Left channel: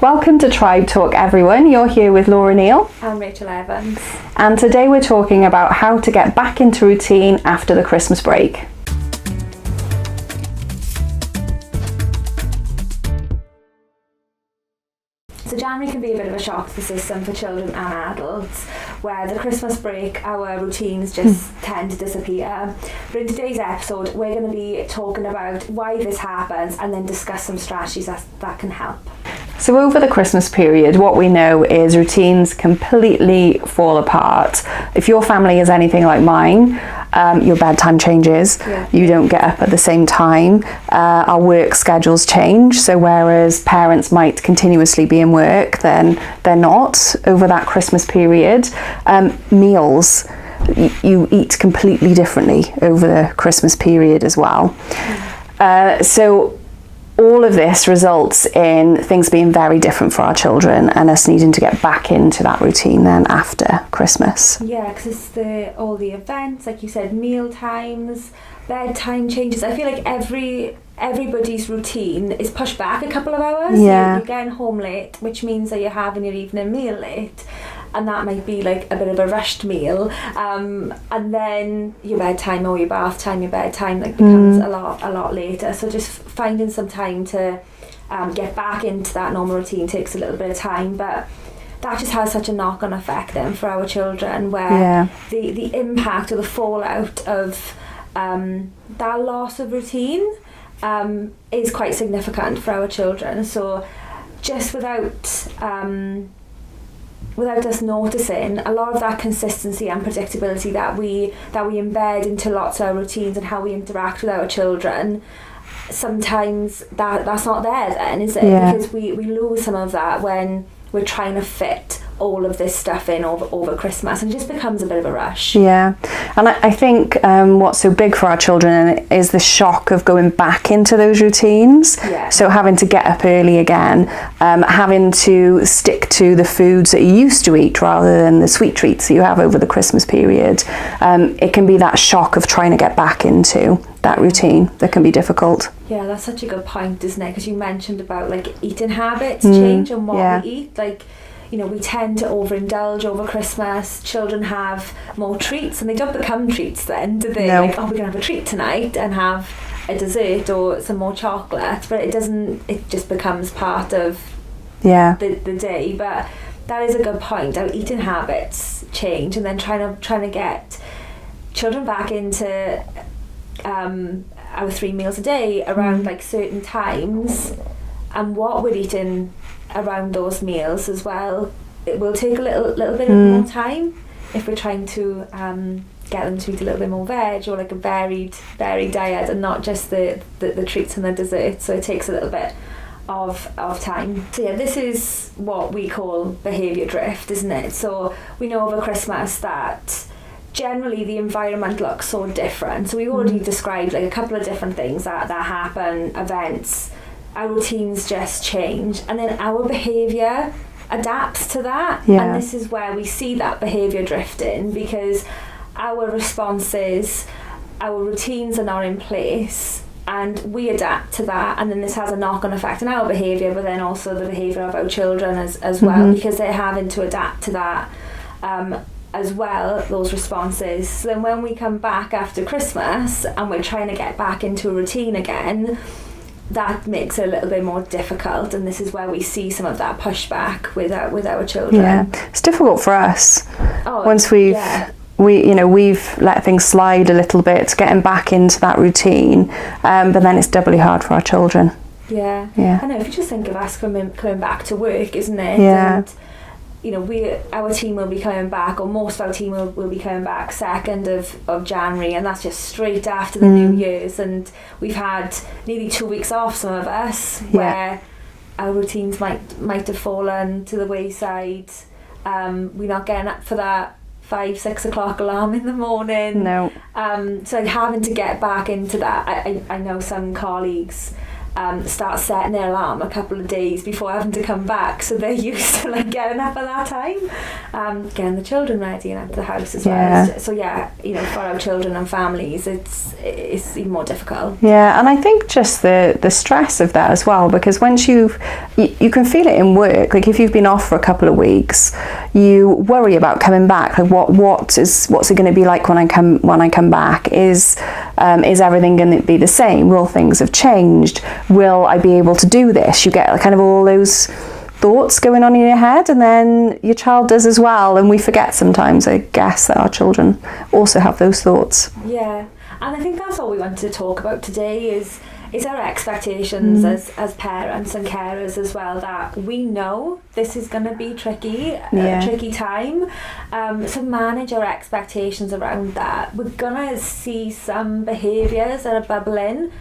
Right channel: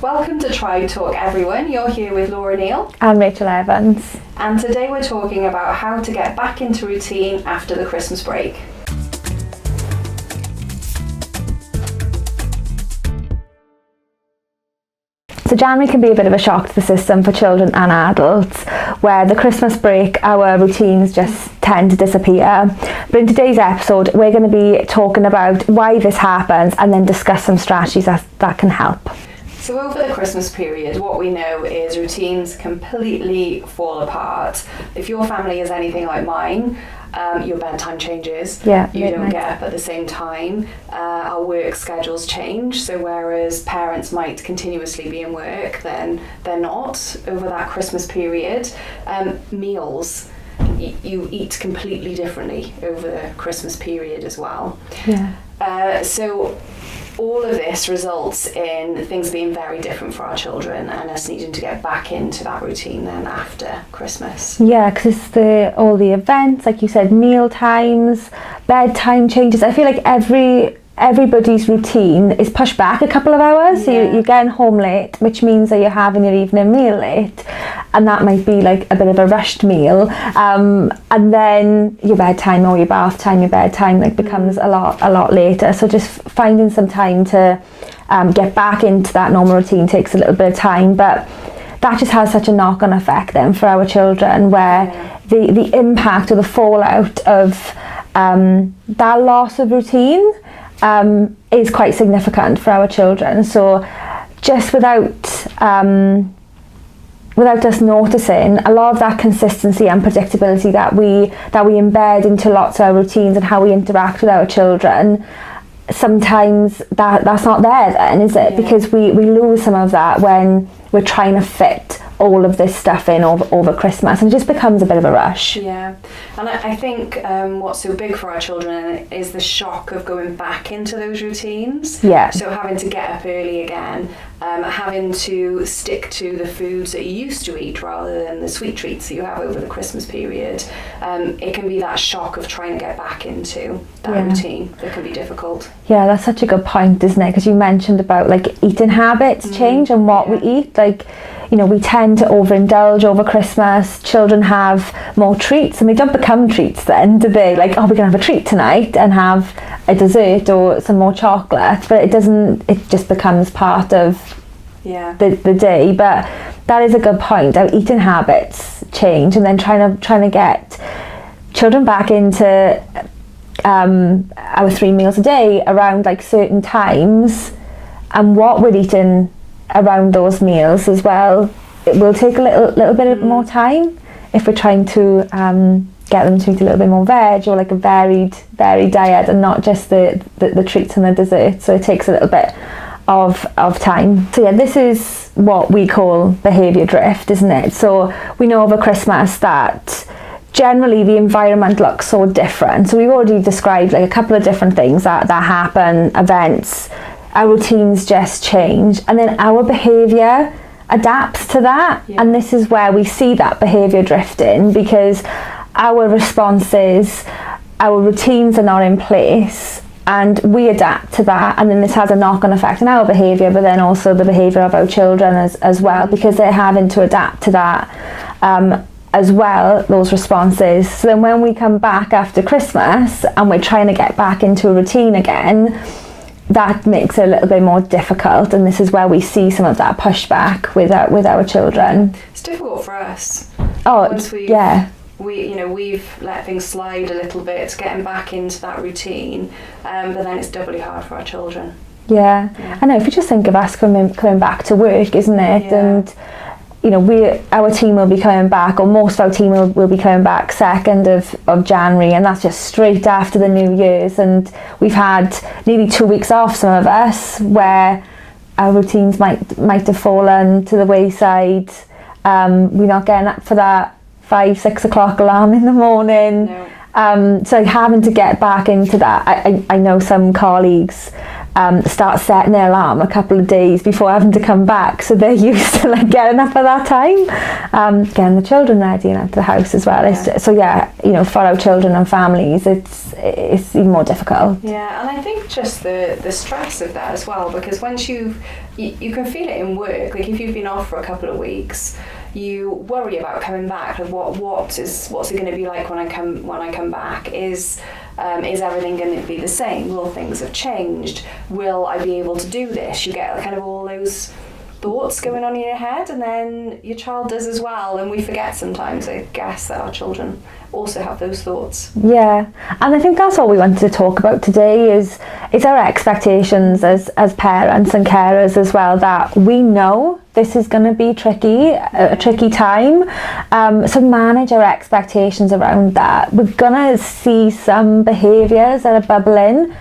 Welcome to Tribe Talk, everyone. You're here with Laura Neal and Rachel Evans. And today we're talking about how to get back into routine after the Christmas break. So January can be a bit of a shock to the system for children and adults, where the Christmas break, our routines just tend to disappear. But in today's episode, we're going to be talking about why this happens and then discuss some strategies that can help. So over the Christmas period, what we know is routines completely fall apart. If your family is anything like mine, your bedtime changes. You don't get up at the same time. Our work schedules change. So whereas parents might continuously be in work, then they're not over that Christmas period. Meals, you eat completely differently over the Christmas period as well. So all of this results in things being very different for our children and us needing to get back into that routine then after Christmas. Yeah, because it's all the events, like you said, meal times, bedtime changes. I feel like everybody's routine is pushed back a couple of hours. So you're getting home late, which means that you're having your evening meal late, and that might be like a bit of a rushed meal, and then your bedtime or your bath time, your bedtime becomes a lot later. So just finding some time to get back into that normal routine takes a little bit of time, but that just has such a knock-on effect then for our children, where the impact or the fallout of that loss of routine is quite significant for our children. So just without us noticing, a lot of that consistency and predictability that we embed into lots of our routines and how we interact with our children, sometimes that's not there then, is it? Because we lose some of that when we're trying to fit all of this stuff in over Christmas, and it just becomes a bit of a rush. And I think what's so big for our children is the shock of going back into those routines. So having to get up early again, having to stick to the foods that you used to eat rather than the sweet treats that you have over the Christmas period. It can be that shock of trying to get back into that routine that can be difficult. Yeah, that's such a good point, isn't it? Because you mentioned about like eating habits change and what we eat. Like, you know, we tend to overindulge over Christmas. Children have more treats, and they don't become treats then, do they? Like, oh, we're going to have a treat tonight and have a dessert or some more chocolate. But it doesn't, it just becomes part of the day. But that is a good point. Our eating habits change, and then trying to get children back into our 3 meals a day around like certain times, and what we're eating around those meals as well. It will take a little bit more time if we're trying to get them to eat a little bit more veg or like a varied diet, and not just the treats and the desserts. So it takes a little bit of time. So this is what we call behaviour drift, isn't it? So we know over Christmas that generally the environment looks so different. So we've already described like a couple of different things that happen, events. Our routines just change, and then our behaviour adapts to that. And this is where we see that behaviour drifting, because our responses, our routines are not in place, and we adapt to that, and then this has a knock-on effect on our behaviour, but then also the behaviour of our children as well, because they're having to adapt to that as well, those responses. So then when we come back after Christmas and we're trying to get back into a routine again, that makes it a little bit more difficult, and this is where we see some of that pushback with our children. It's difficult for us. Once we've let things slide a little bit, getting back into that routine, but then it's doubly hard for our children. I know, if you just think of us coming back to work, isn't it? And you know, our team will be coming back, or most of our team will be coming back 2nd of January, and that's just straight after the New Year's, and we've had nearly 2 weeks off, some of us, where our routines might have fallen to the wayside. We're not getting up for that 5-6 o'clock alarm in the morning. So having to get back into that, I know some colleagues start setting their alarm a couple of days before having to come back, so they're used to like getting up at that time, getting the children ready and out of the house as well. So for our children and families, it's even more difficult. Yeah, and I think just the stress of that as well, because once you can feel it in work. Like if you've been off for a couple of weeks, you worry about coming back. Like what's it going to be like when I come back? Is everything going to be the same? Will things have changed? Will I be able to do this? You get kind of all those thoughts going on in your head, and then your child does as well, and we forget sometimes, I guess, that our children also have those thoughts. Yeah, and I think that's all we wanted to talk about today is our expectations as parents and carers as well, that we know this is going to be tricky, a tricky time, so manage our expectations around that. We're going to see some behaviours that are bubbling,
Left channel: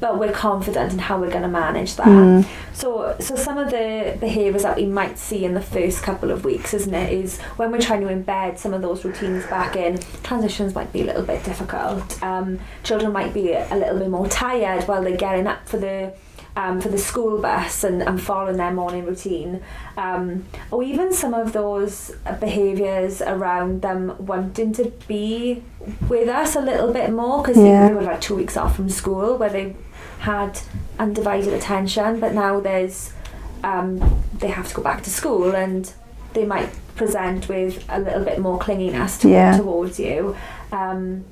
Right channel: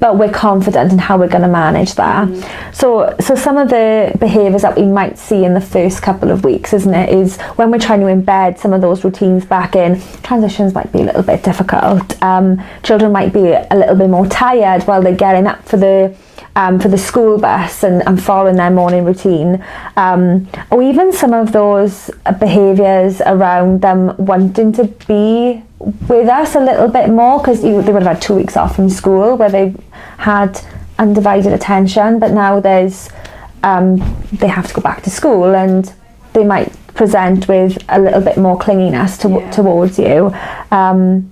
but we're confident in how we're going to manage that. So some of the behaviours that we might see in the first couple of weeks, isn't it, is when we're trying to embed some of those routines back in, transitions might be a little bit difficult. Children might be a little bit more tired while they're getting up for the school bus and following their morning routine, or even some of those behaviours around them wanting to be with us a little bit more, because they would have had 2 weeks off from school where they had undivided attention, but now there's they have to go back to school, and they might present with a little bit more clinginess towards you. And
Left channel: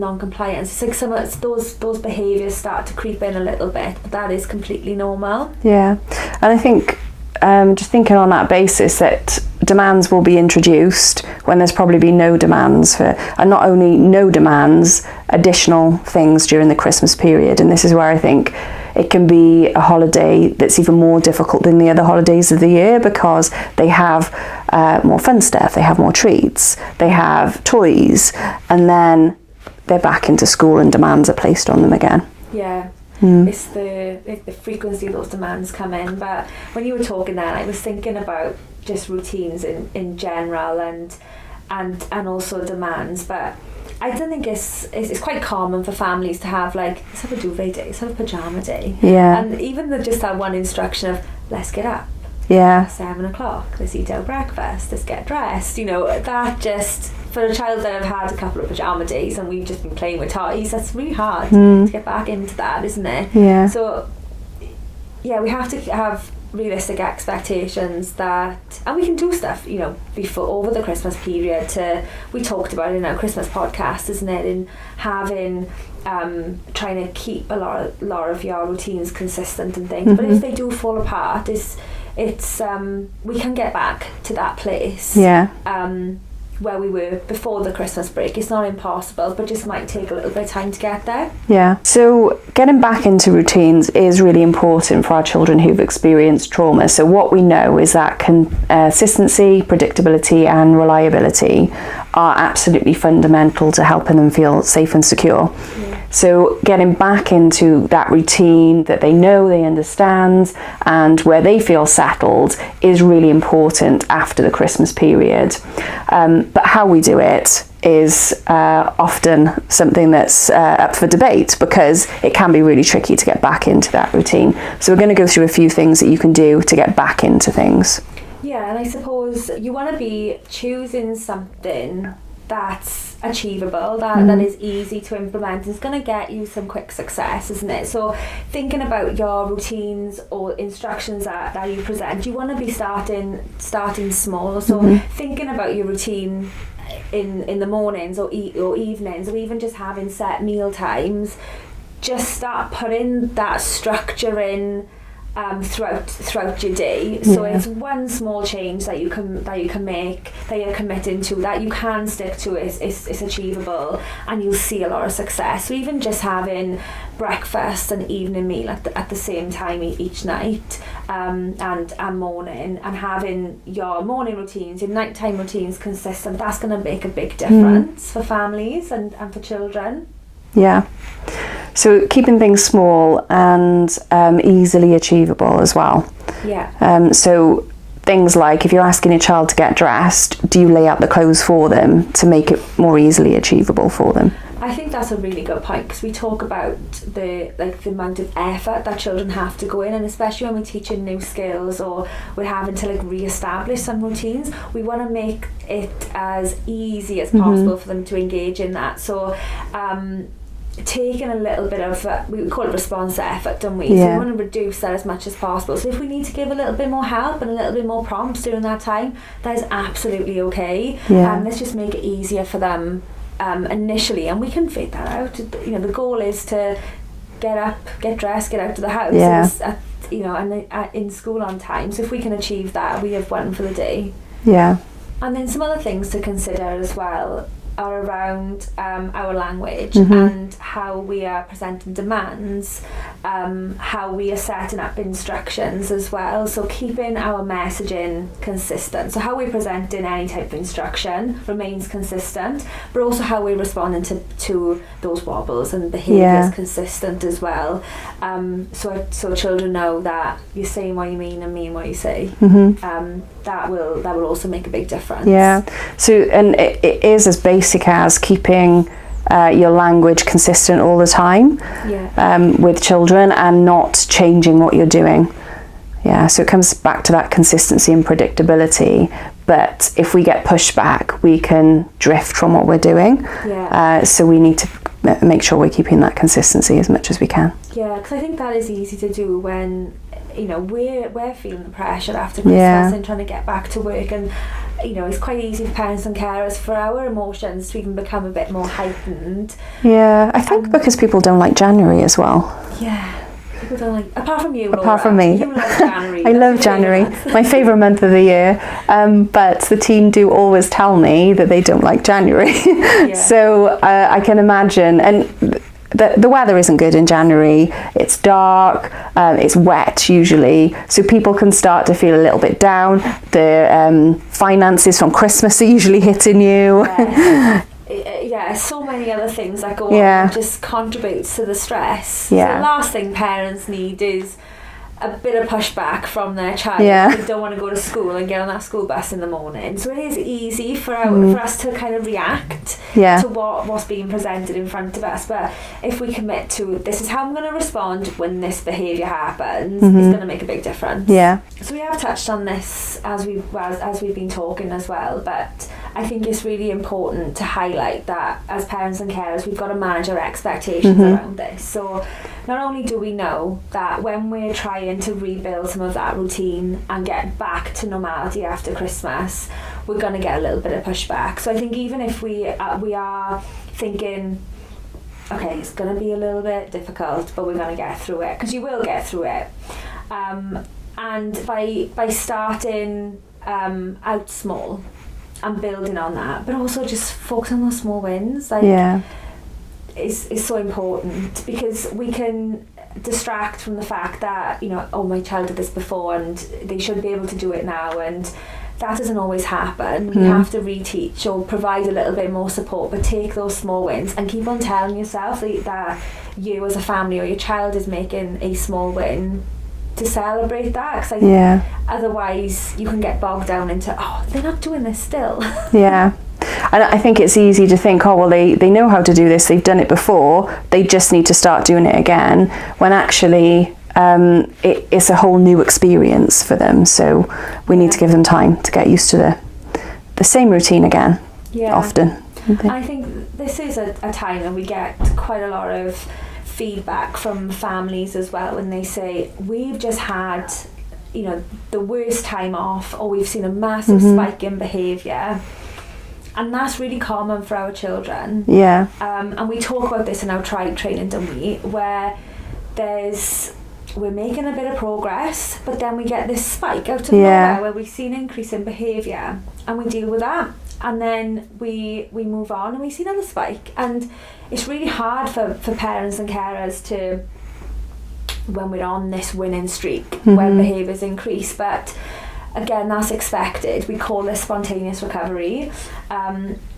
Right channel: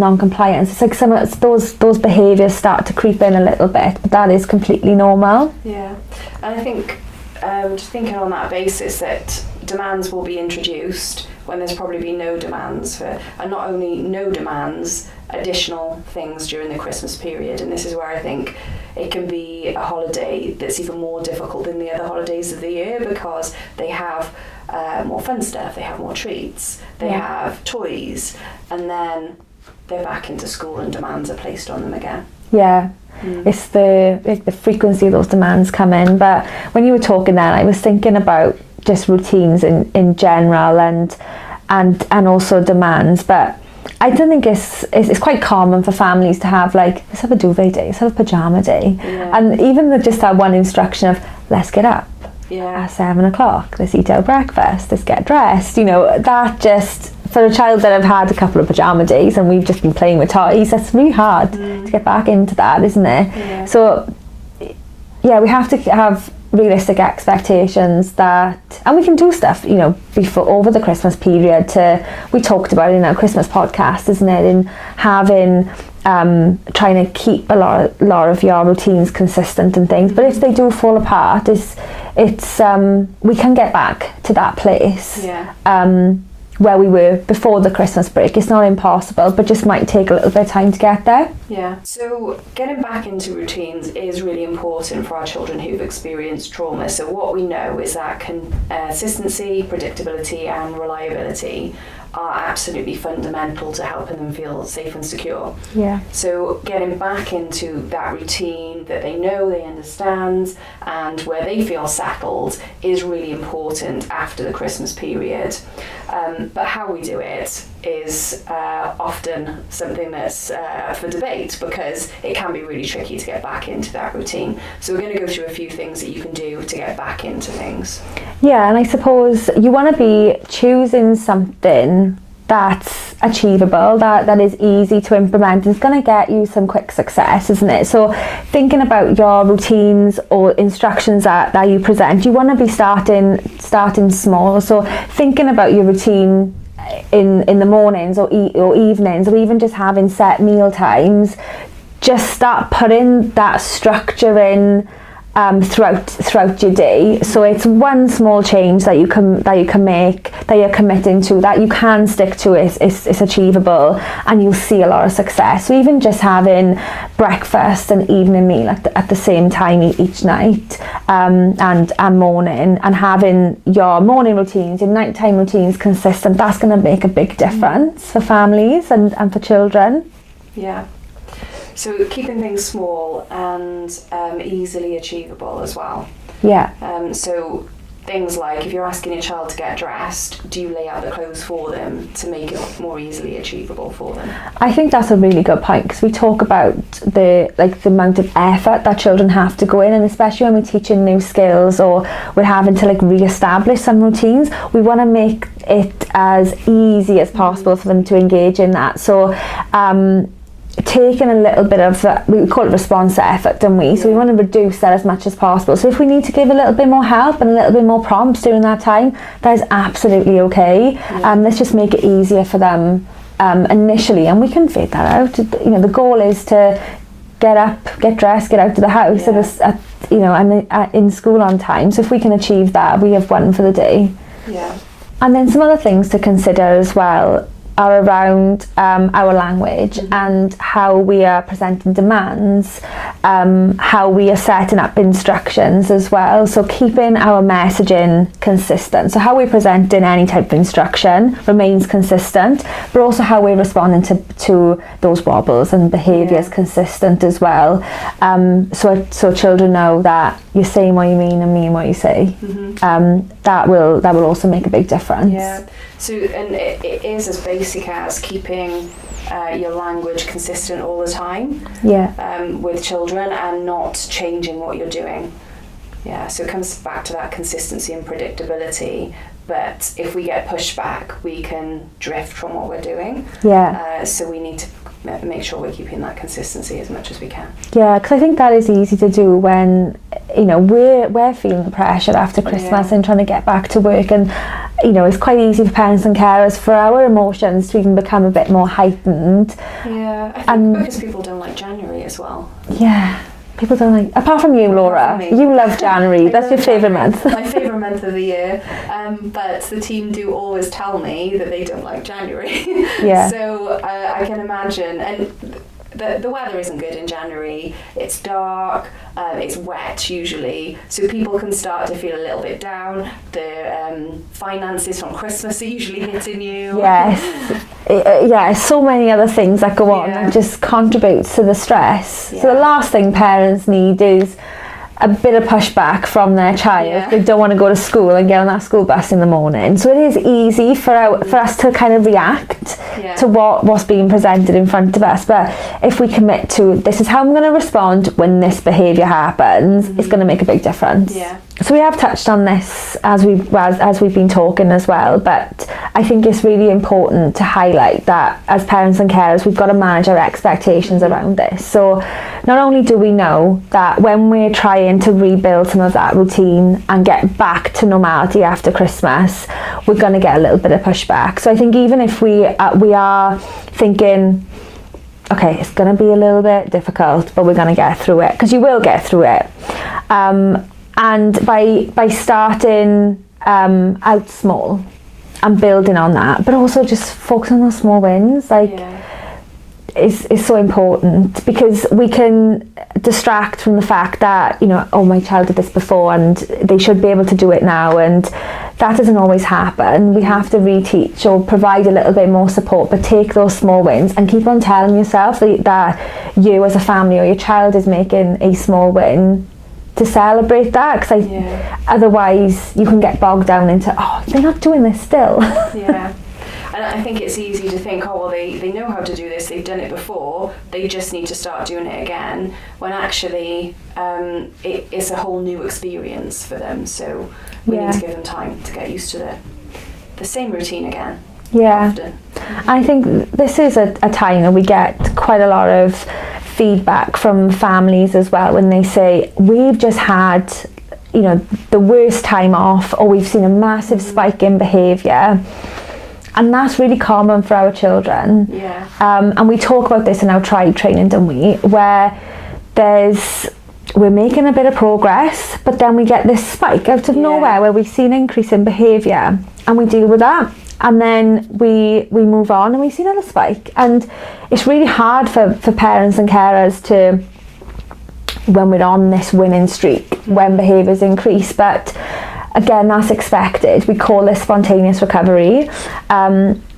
non-compliance. It's like some of those behaviours start to creep in a little bit, but that is completely normal. Yeah, and I think just thinking on that basis that demands will be introduced when there's probably been no demands for, and not only no demands, additional things during the Christmas period. And this is where I think it can be a holiday that's even more difficult than the other holidays of the year, because they have more fun stuff, they have more treats, they have toys, and then they're back into school and demands are placed on them again. Yeah. It's the frequency of those demands come in. But when you were talking then, I was thinking about just routines in general and also demands. But I don't think it's quite common for families to have like, let's have a duvet day, let's have a pyjama day. Yeah. And even just that one instruction of, let's get up. Yeah. 7 o'clock, let's eat our breakfast, let's get dressed. That just, for a child that have had a couple of pyjama days and we've just been playing with toys, that's really hard to get back into that, isn't it? Yeah. So, we have to have realistic expectations that, and we can do stuff, before, over the Christmas period we talked about it in our Christmas podcast, isn't it? In having, trying to keep a lot of your routines consistent and things, but if they do fall apart, it's we can get back to that place. Yeah. Where we were before the Christmas break. It's not impossible, but just might take a little bit of time to get there. Yeah. So getting back into routines is really important for our children who've experienced trauma. So what we know is that consistency, predictability and reliability are absolutely fundamental to helping them feel safe and secure. Yeah. So getting back into that routine that they know, they understand, and where they feel settled is really important after the Christmas period. But how we do it is often something that's up for debate, because it can be really tricky to get back into that routine. So we're going to go through a few things that you can do to get back into things. Yeah, and I suppose you want to be choosing something that's achievable, that is easy to implement, and it's going to get you some quick success, isn't it? So thinking about your routines or instructions that you present, you want to be starting small. So thinking about your routine in the mornings or evenings, or even just having set meal times, just start putting that structure in throughout your day. So it's one small change that you can make, that you're committing to, that you can stick to. It's achievable, and you'll see a lot of success. So even just having breakfast and evening meal at the same time each night, and morning, and having your morning routines, your nighttime routines consistent, that's going to make a big difference for families and for children. Yeah. So keeping things small and easily achievable as well. Yeah. So things like, if you're asking your child to get dressed, do you lay out the clothes for them to make it more easily achievable for them? I think that's a really good point, because we talk about the amount of effort that children have to go in, and especially when we're teaching new skills or we're having to re-establish some routines, we want to make it as easy as possible for them to engage in that. So taking a little bit of, we call it response to effort, don't we? So we want to reduce that as much as possible. So if we need to give a little bit more help and a little bit more prompts during that time, that is absolutely okay. Let's just make it easier for them initially, and we can figure that out. The goal is to get up, get dressed, get out of the house, and in school on time. So if we can achieve that, we have won for the day. And then some other things to consider as well are around our language and how we are presenting demands, how we are setting up instructions as well. So keeping our messaging consistent. So how we present in any type of instruction remains consistent, but also how we're responding to those wobbles and behaviours consistent as well. So children know that you're saying what you mean and mean what you say. That will also make a big difference. So, and it is as basic as keeping your language consistent all the time with children, and not changing what you're doing. So it comes back to that consistency and predictability. But if we get pushed back, we can drift from what we're doing. So we need to make sure we're keeping that consistency as much as we can. Because I think that is easy to do when we're feeling the pressure after Christmas and trying to get back to work, and it's quite easy for parents and carers for our emotions to even become a bit more heightened. I think because people don't like January as well. People don't like, apart from you, Laura. Apart from me. You love January. I That's love your January. favourite month. My favourite month of the year. But the team do always tell me that they don't like January. So I can imagine, and the weather isn't good in January. It's dark, it's wet usually, so people can start to feel a little bit down. The finances from Christmas are usually hitting you. So many other things that go on and just contributes to the stress. So the last thing parents need is a bit of pushback from their child. They don't want to go to school and get on that school bus in the morning. So it is easy for us to kind of react to what's being presented in front of us. But if we commit to, this is how I'm going to respond when this behaviour happens, it's going to make a big difference. So we have touched on this as we've been talking as well, but I think it's really important to highlight that as parents and carers, we've got to manage our expectations around this. So not only do we know that when we're trying to rebuild some of that routine and get back to normality after Christmas, we're going to get a little bit of pushback. So I think even if we are thinking, okay, it's going to be a little bit difficult, but we're going to get through it, because you will get through it. And by starting out small and building on that, but also just focus on those small wins, is so important, because we can distract from the fact that, oh, my child did this before and they should be able to do it now, and that doesn't always happen. We have to reteach or provide a little bit more support, but take those small wins and keep on telling yourself that you as a family or your child is making a small win, to celebrate that, because otherwise you can get bogged down into, oh, they're not doing this still. And I think it's easy to think, oh, well, they know how to do this, they've done it before, they just need to start doing it again, when actually it's a whole new experience for them. So we need to give them time to get used to the same routine again, often. I think this is a time that we get quite a lot of feedback from families as well, when they say, we've just had the worst time off, or we've seen a massive spike in behaviour. And that's really common for our children. And we talk about this in our tribe training, don't we? Where we're making a bit of progress, but then we get this spike out of nowhere where we see an increase in behaviour, and we deal with that. And then we move on and we see another spike. And it's really hard for parents and carers to, when we're on this winning streak, when behaviours increase. But again, that's expected. We call this spontaneous recovery,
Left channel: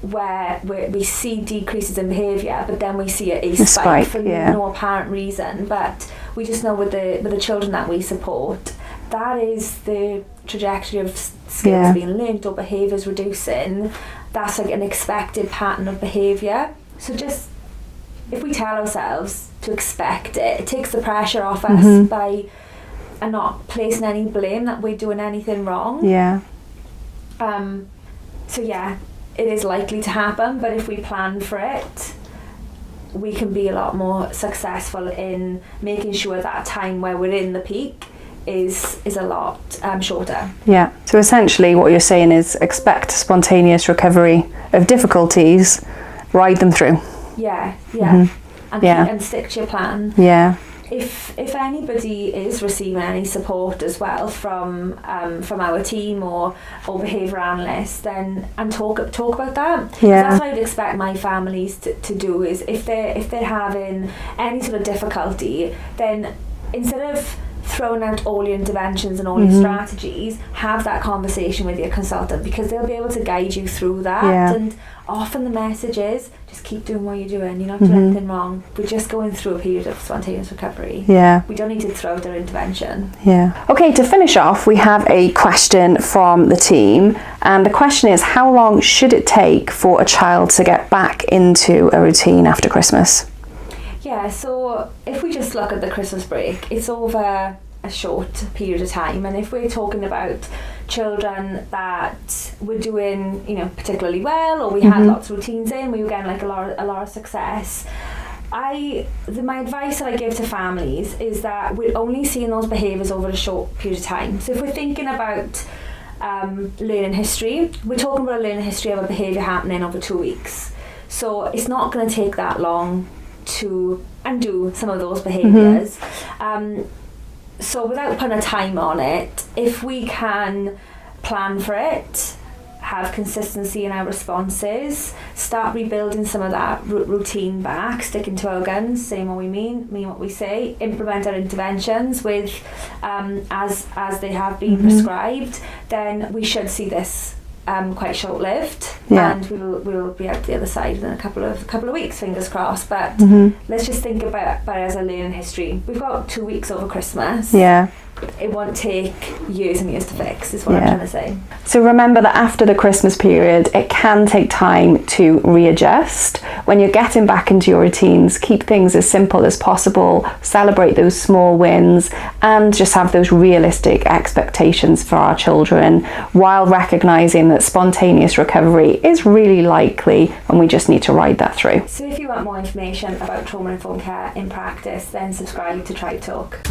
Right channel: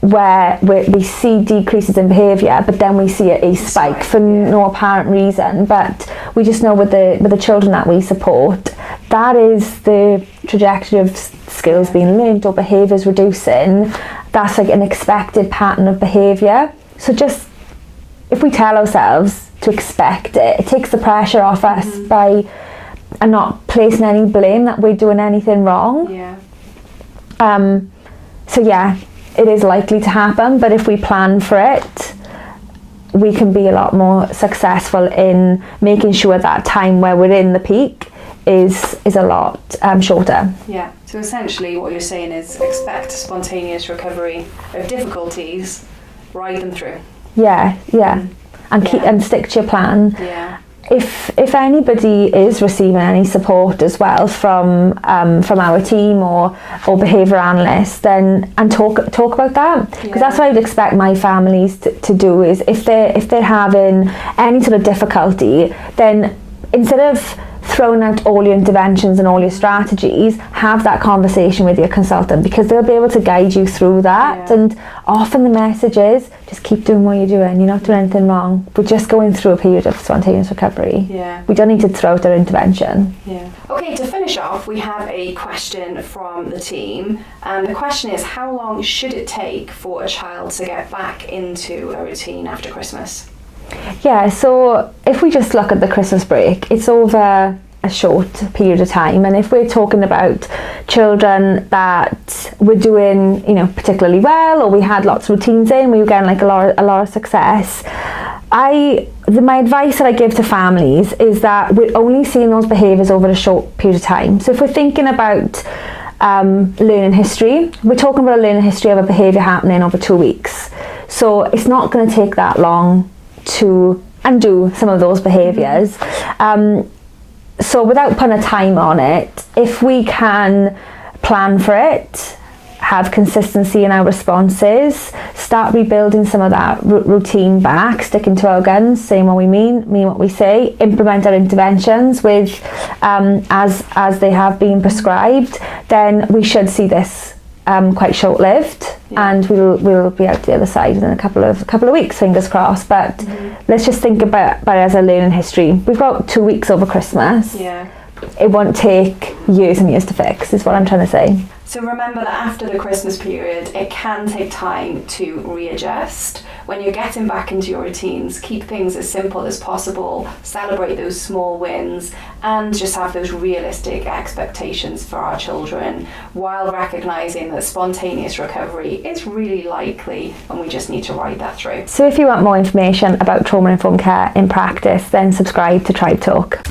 where we see decreases in behaviour, but then we see a spike for no apparent reason. But we just know with the children that we support, that is the trajectory of skills being learned or behaviours reducing, that's like an expected pattern of behaviour. So just, if we tell ourselves to expect it, it takes the pressure off us by and not placing any blame that we're doing anything wrong. So yeah, it is likely to happen, but if we plan for it, we can be a lot more successful in making sure that time where we're in the peak is a lot shorter. Yeah, so essentially what you're saying is expect spontaneous recovery of difficulties, ride them through. And stick to your plan. If anybody is receiving any support as well from our team or behaviour analysts, then talk about that, because that's what I'd expect my families to do, is if they're having any sort of difficulty, then instead of throwing out all your interventions and all your strategies, have that conversation with your consultant, because they'll be able to guide you through that. And often the message is, just keep doing what you're doing, you're not doing anything wrong, we're just going through a period of spontaneous recovery. We don't need to throw out our intervention. Okay, to finish off, we have a question from the team, and the question is, how long should it take for a child to get back into a routine after Christmas? So if we just look at the Christmas break, it's over a short period of time, and if we're talking about children that were doing, particularly well, or we had lots of routines in, we were getting like a lot of success, my advice that I give to families is that we're only seeing those behaviours over a short period of time. So if we're thinking about learning history, we're talking about a learning history of a behaviour happening over 2 weeks. So it's not going to take that long to undo some of those behaviours. So without putting a time on it, if we can plan for it, have consistency in our responses, start rebuilding some of that routine back, sticking to our guns, saying what we mean what we say, implement our interventions with as they have been prescribed, then we should see this quite short-lived, and we'll be out the other side in a couple of weeks, fingers crossed. But let's just think about it as a learning history. We've got 2 weeks over Christmas. It won't take years and years to fix, is what I'm trying to say. So remember that after the Christmas period, it can take time to readjust. When you're getting back into your routines, keep things as simple as possible, celebrate those small wins, and just have those realistic expectations for our children, while recognising that spontaneous recovery is really likely, and we just need to ride that through. So if you want more information about trauma-informed care in practice, then subscribe to Tribe Talk.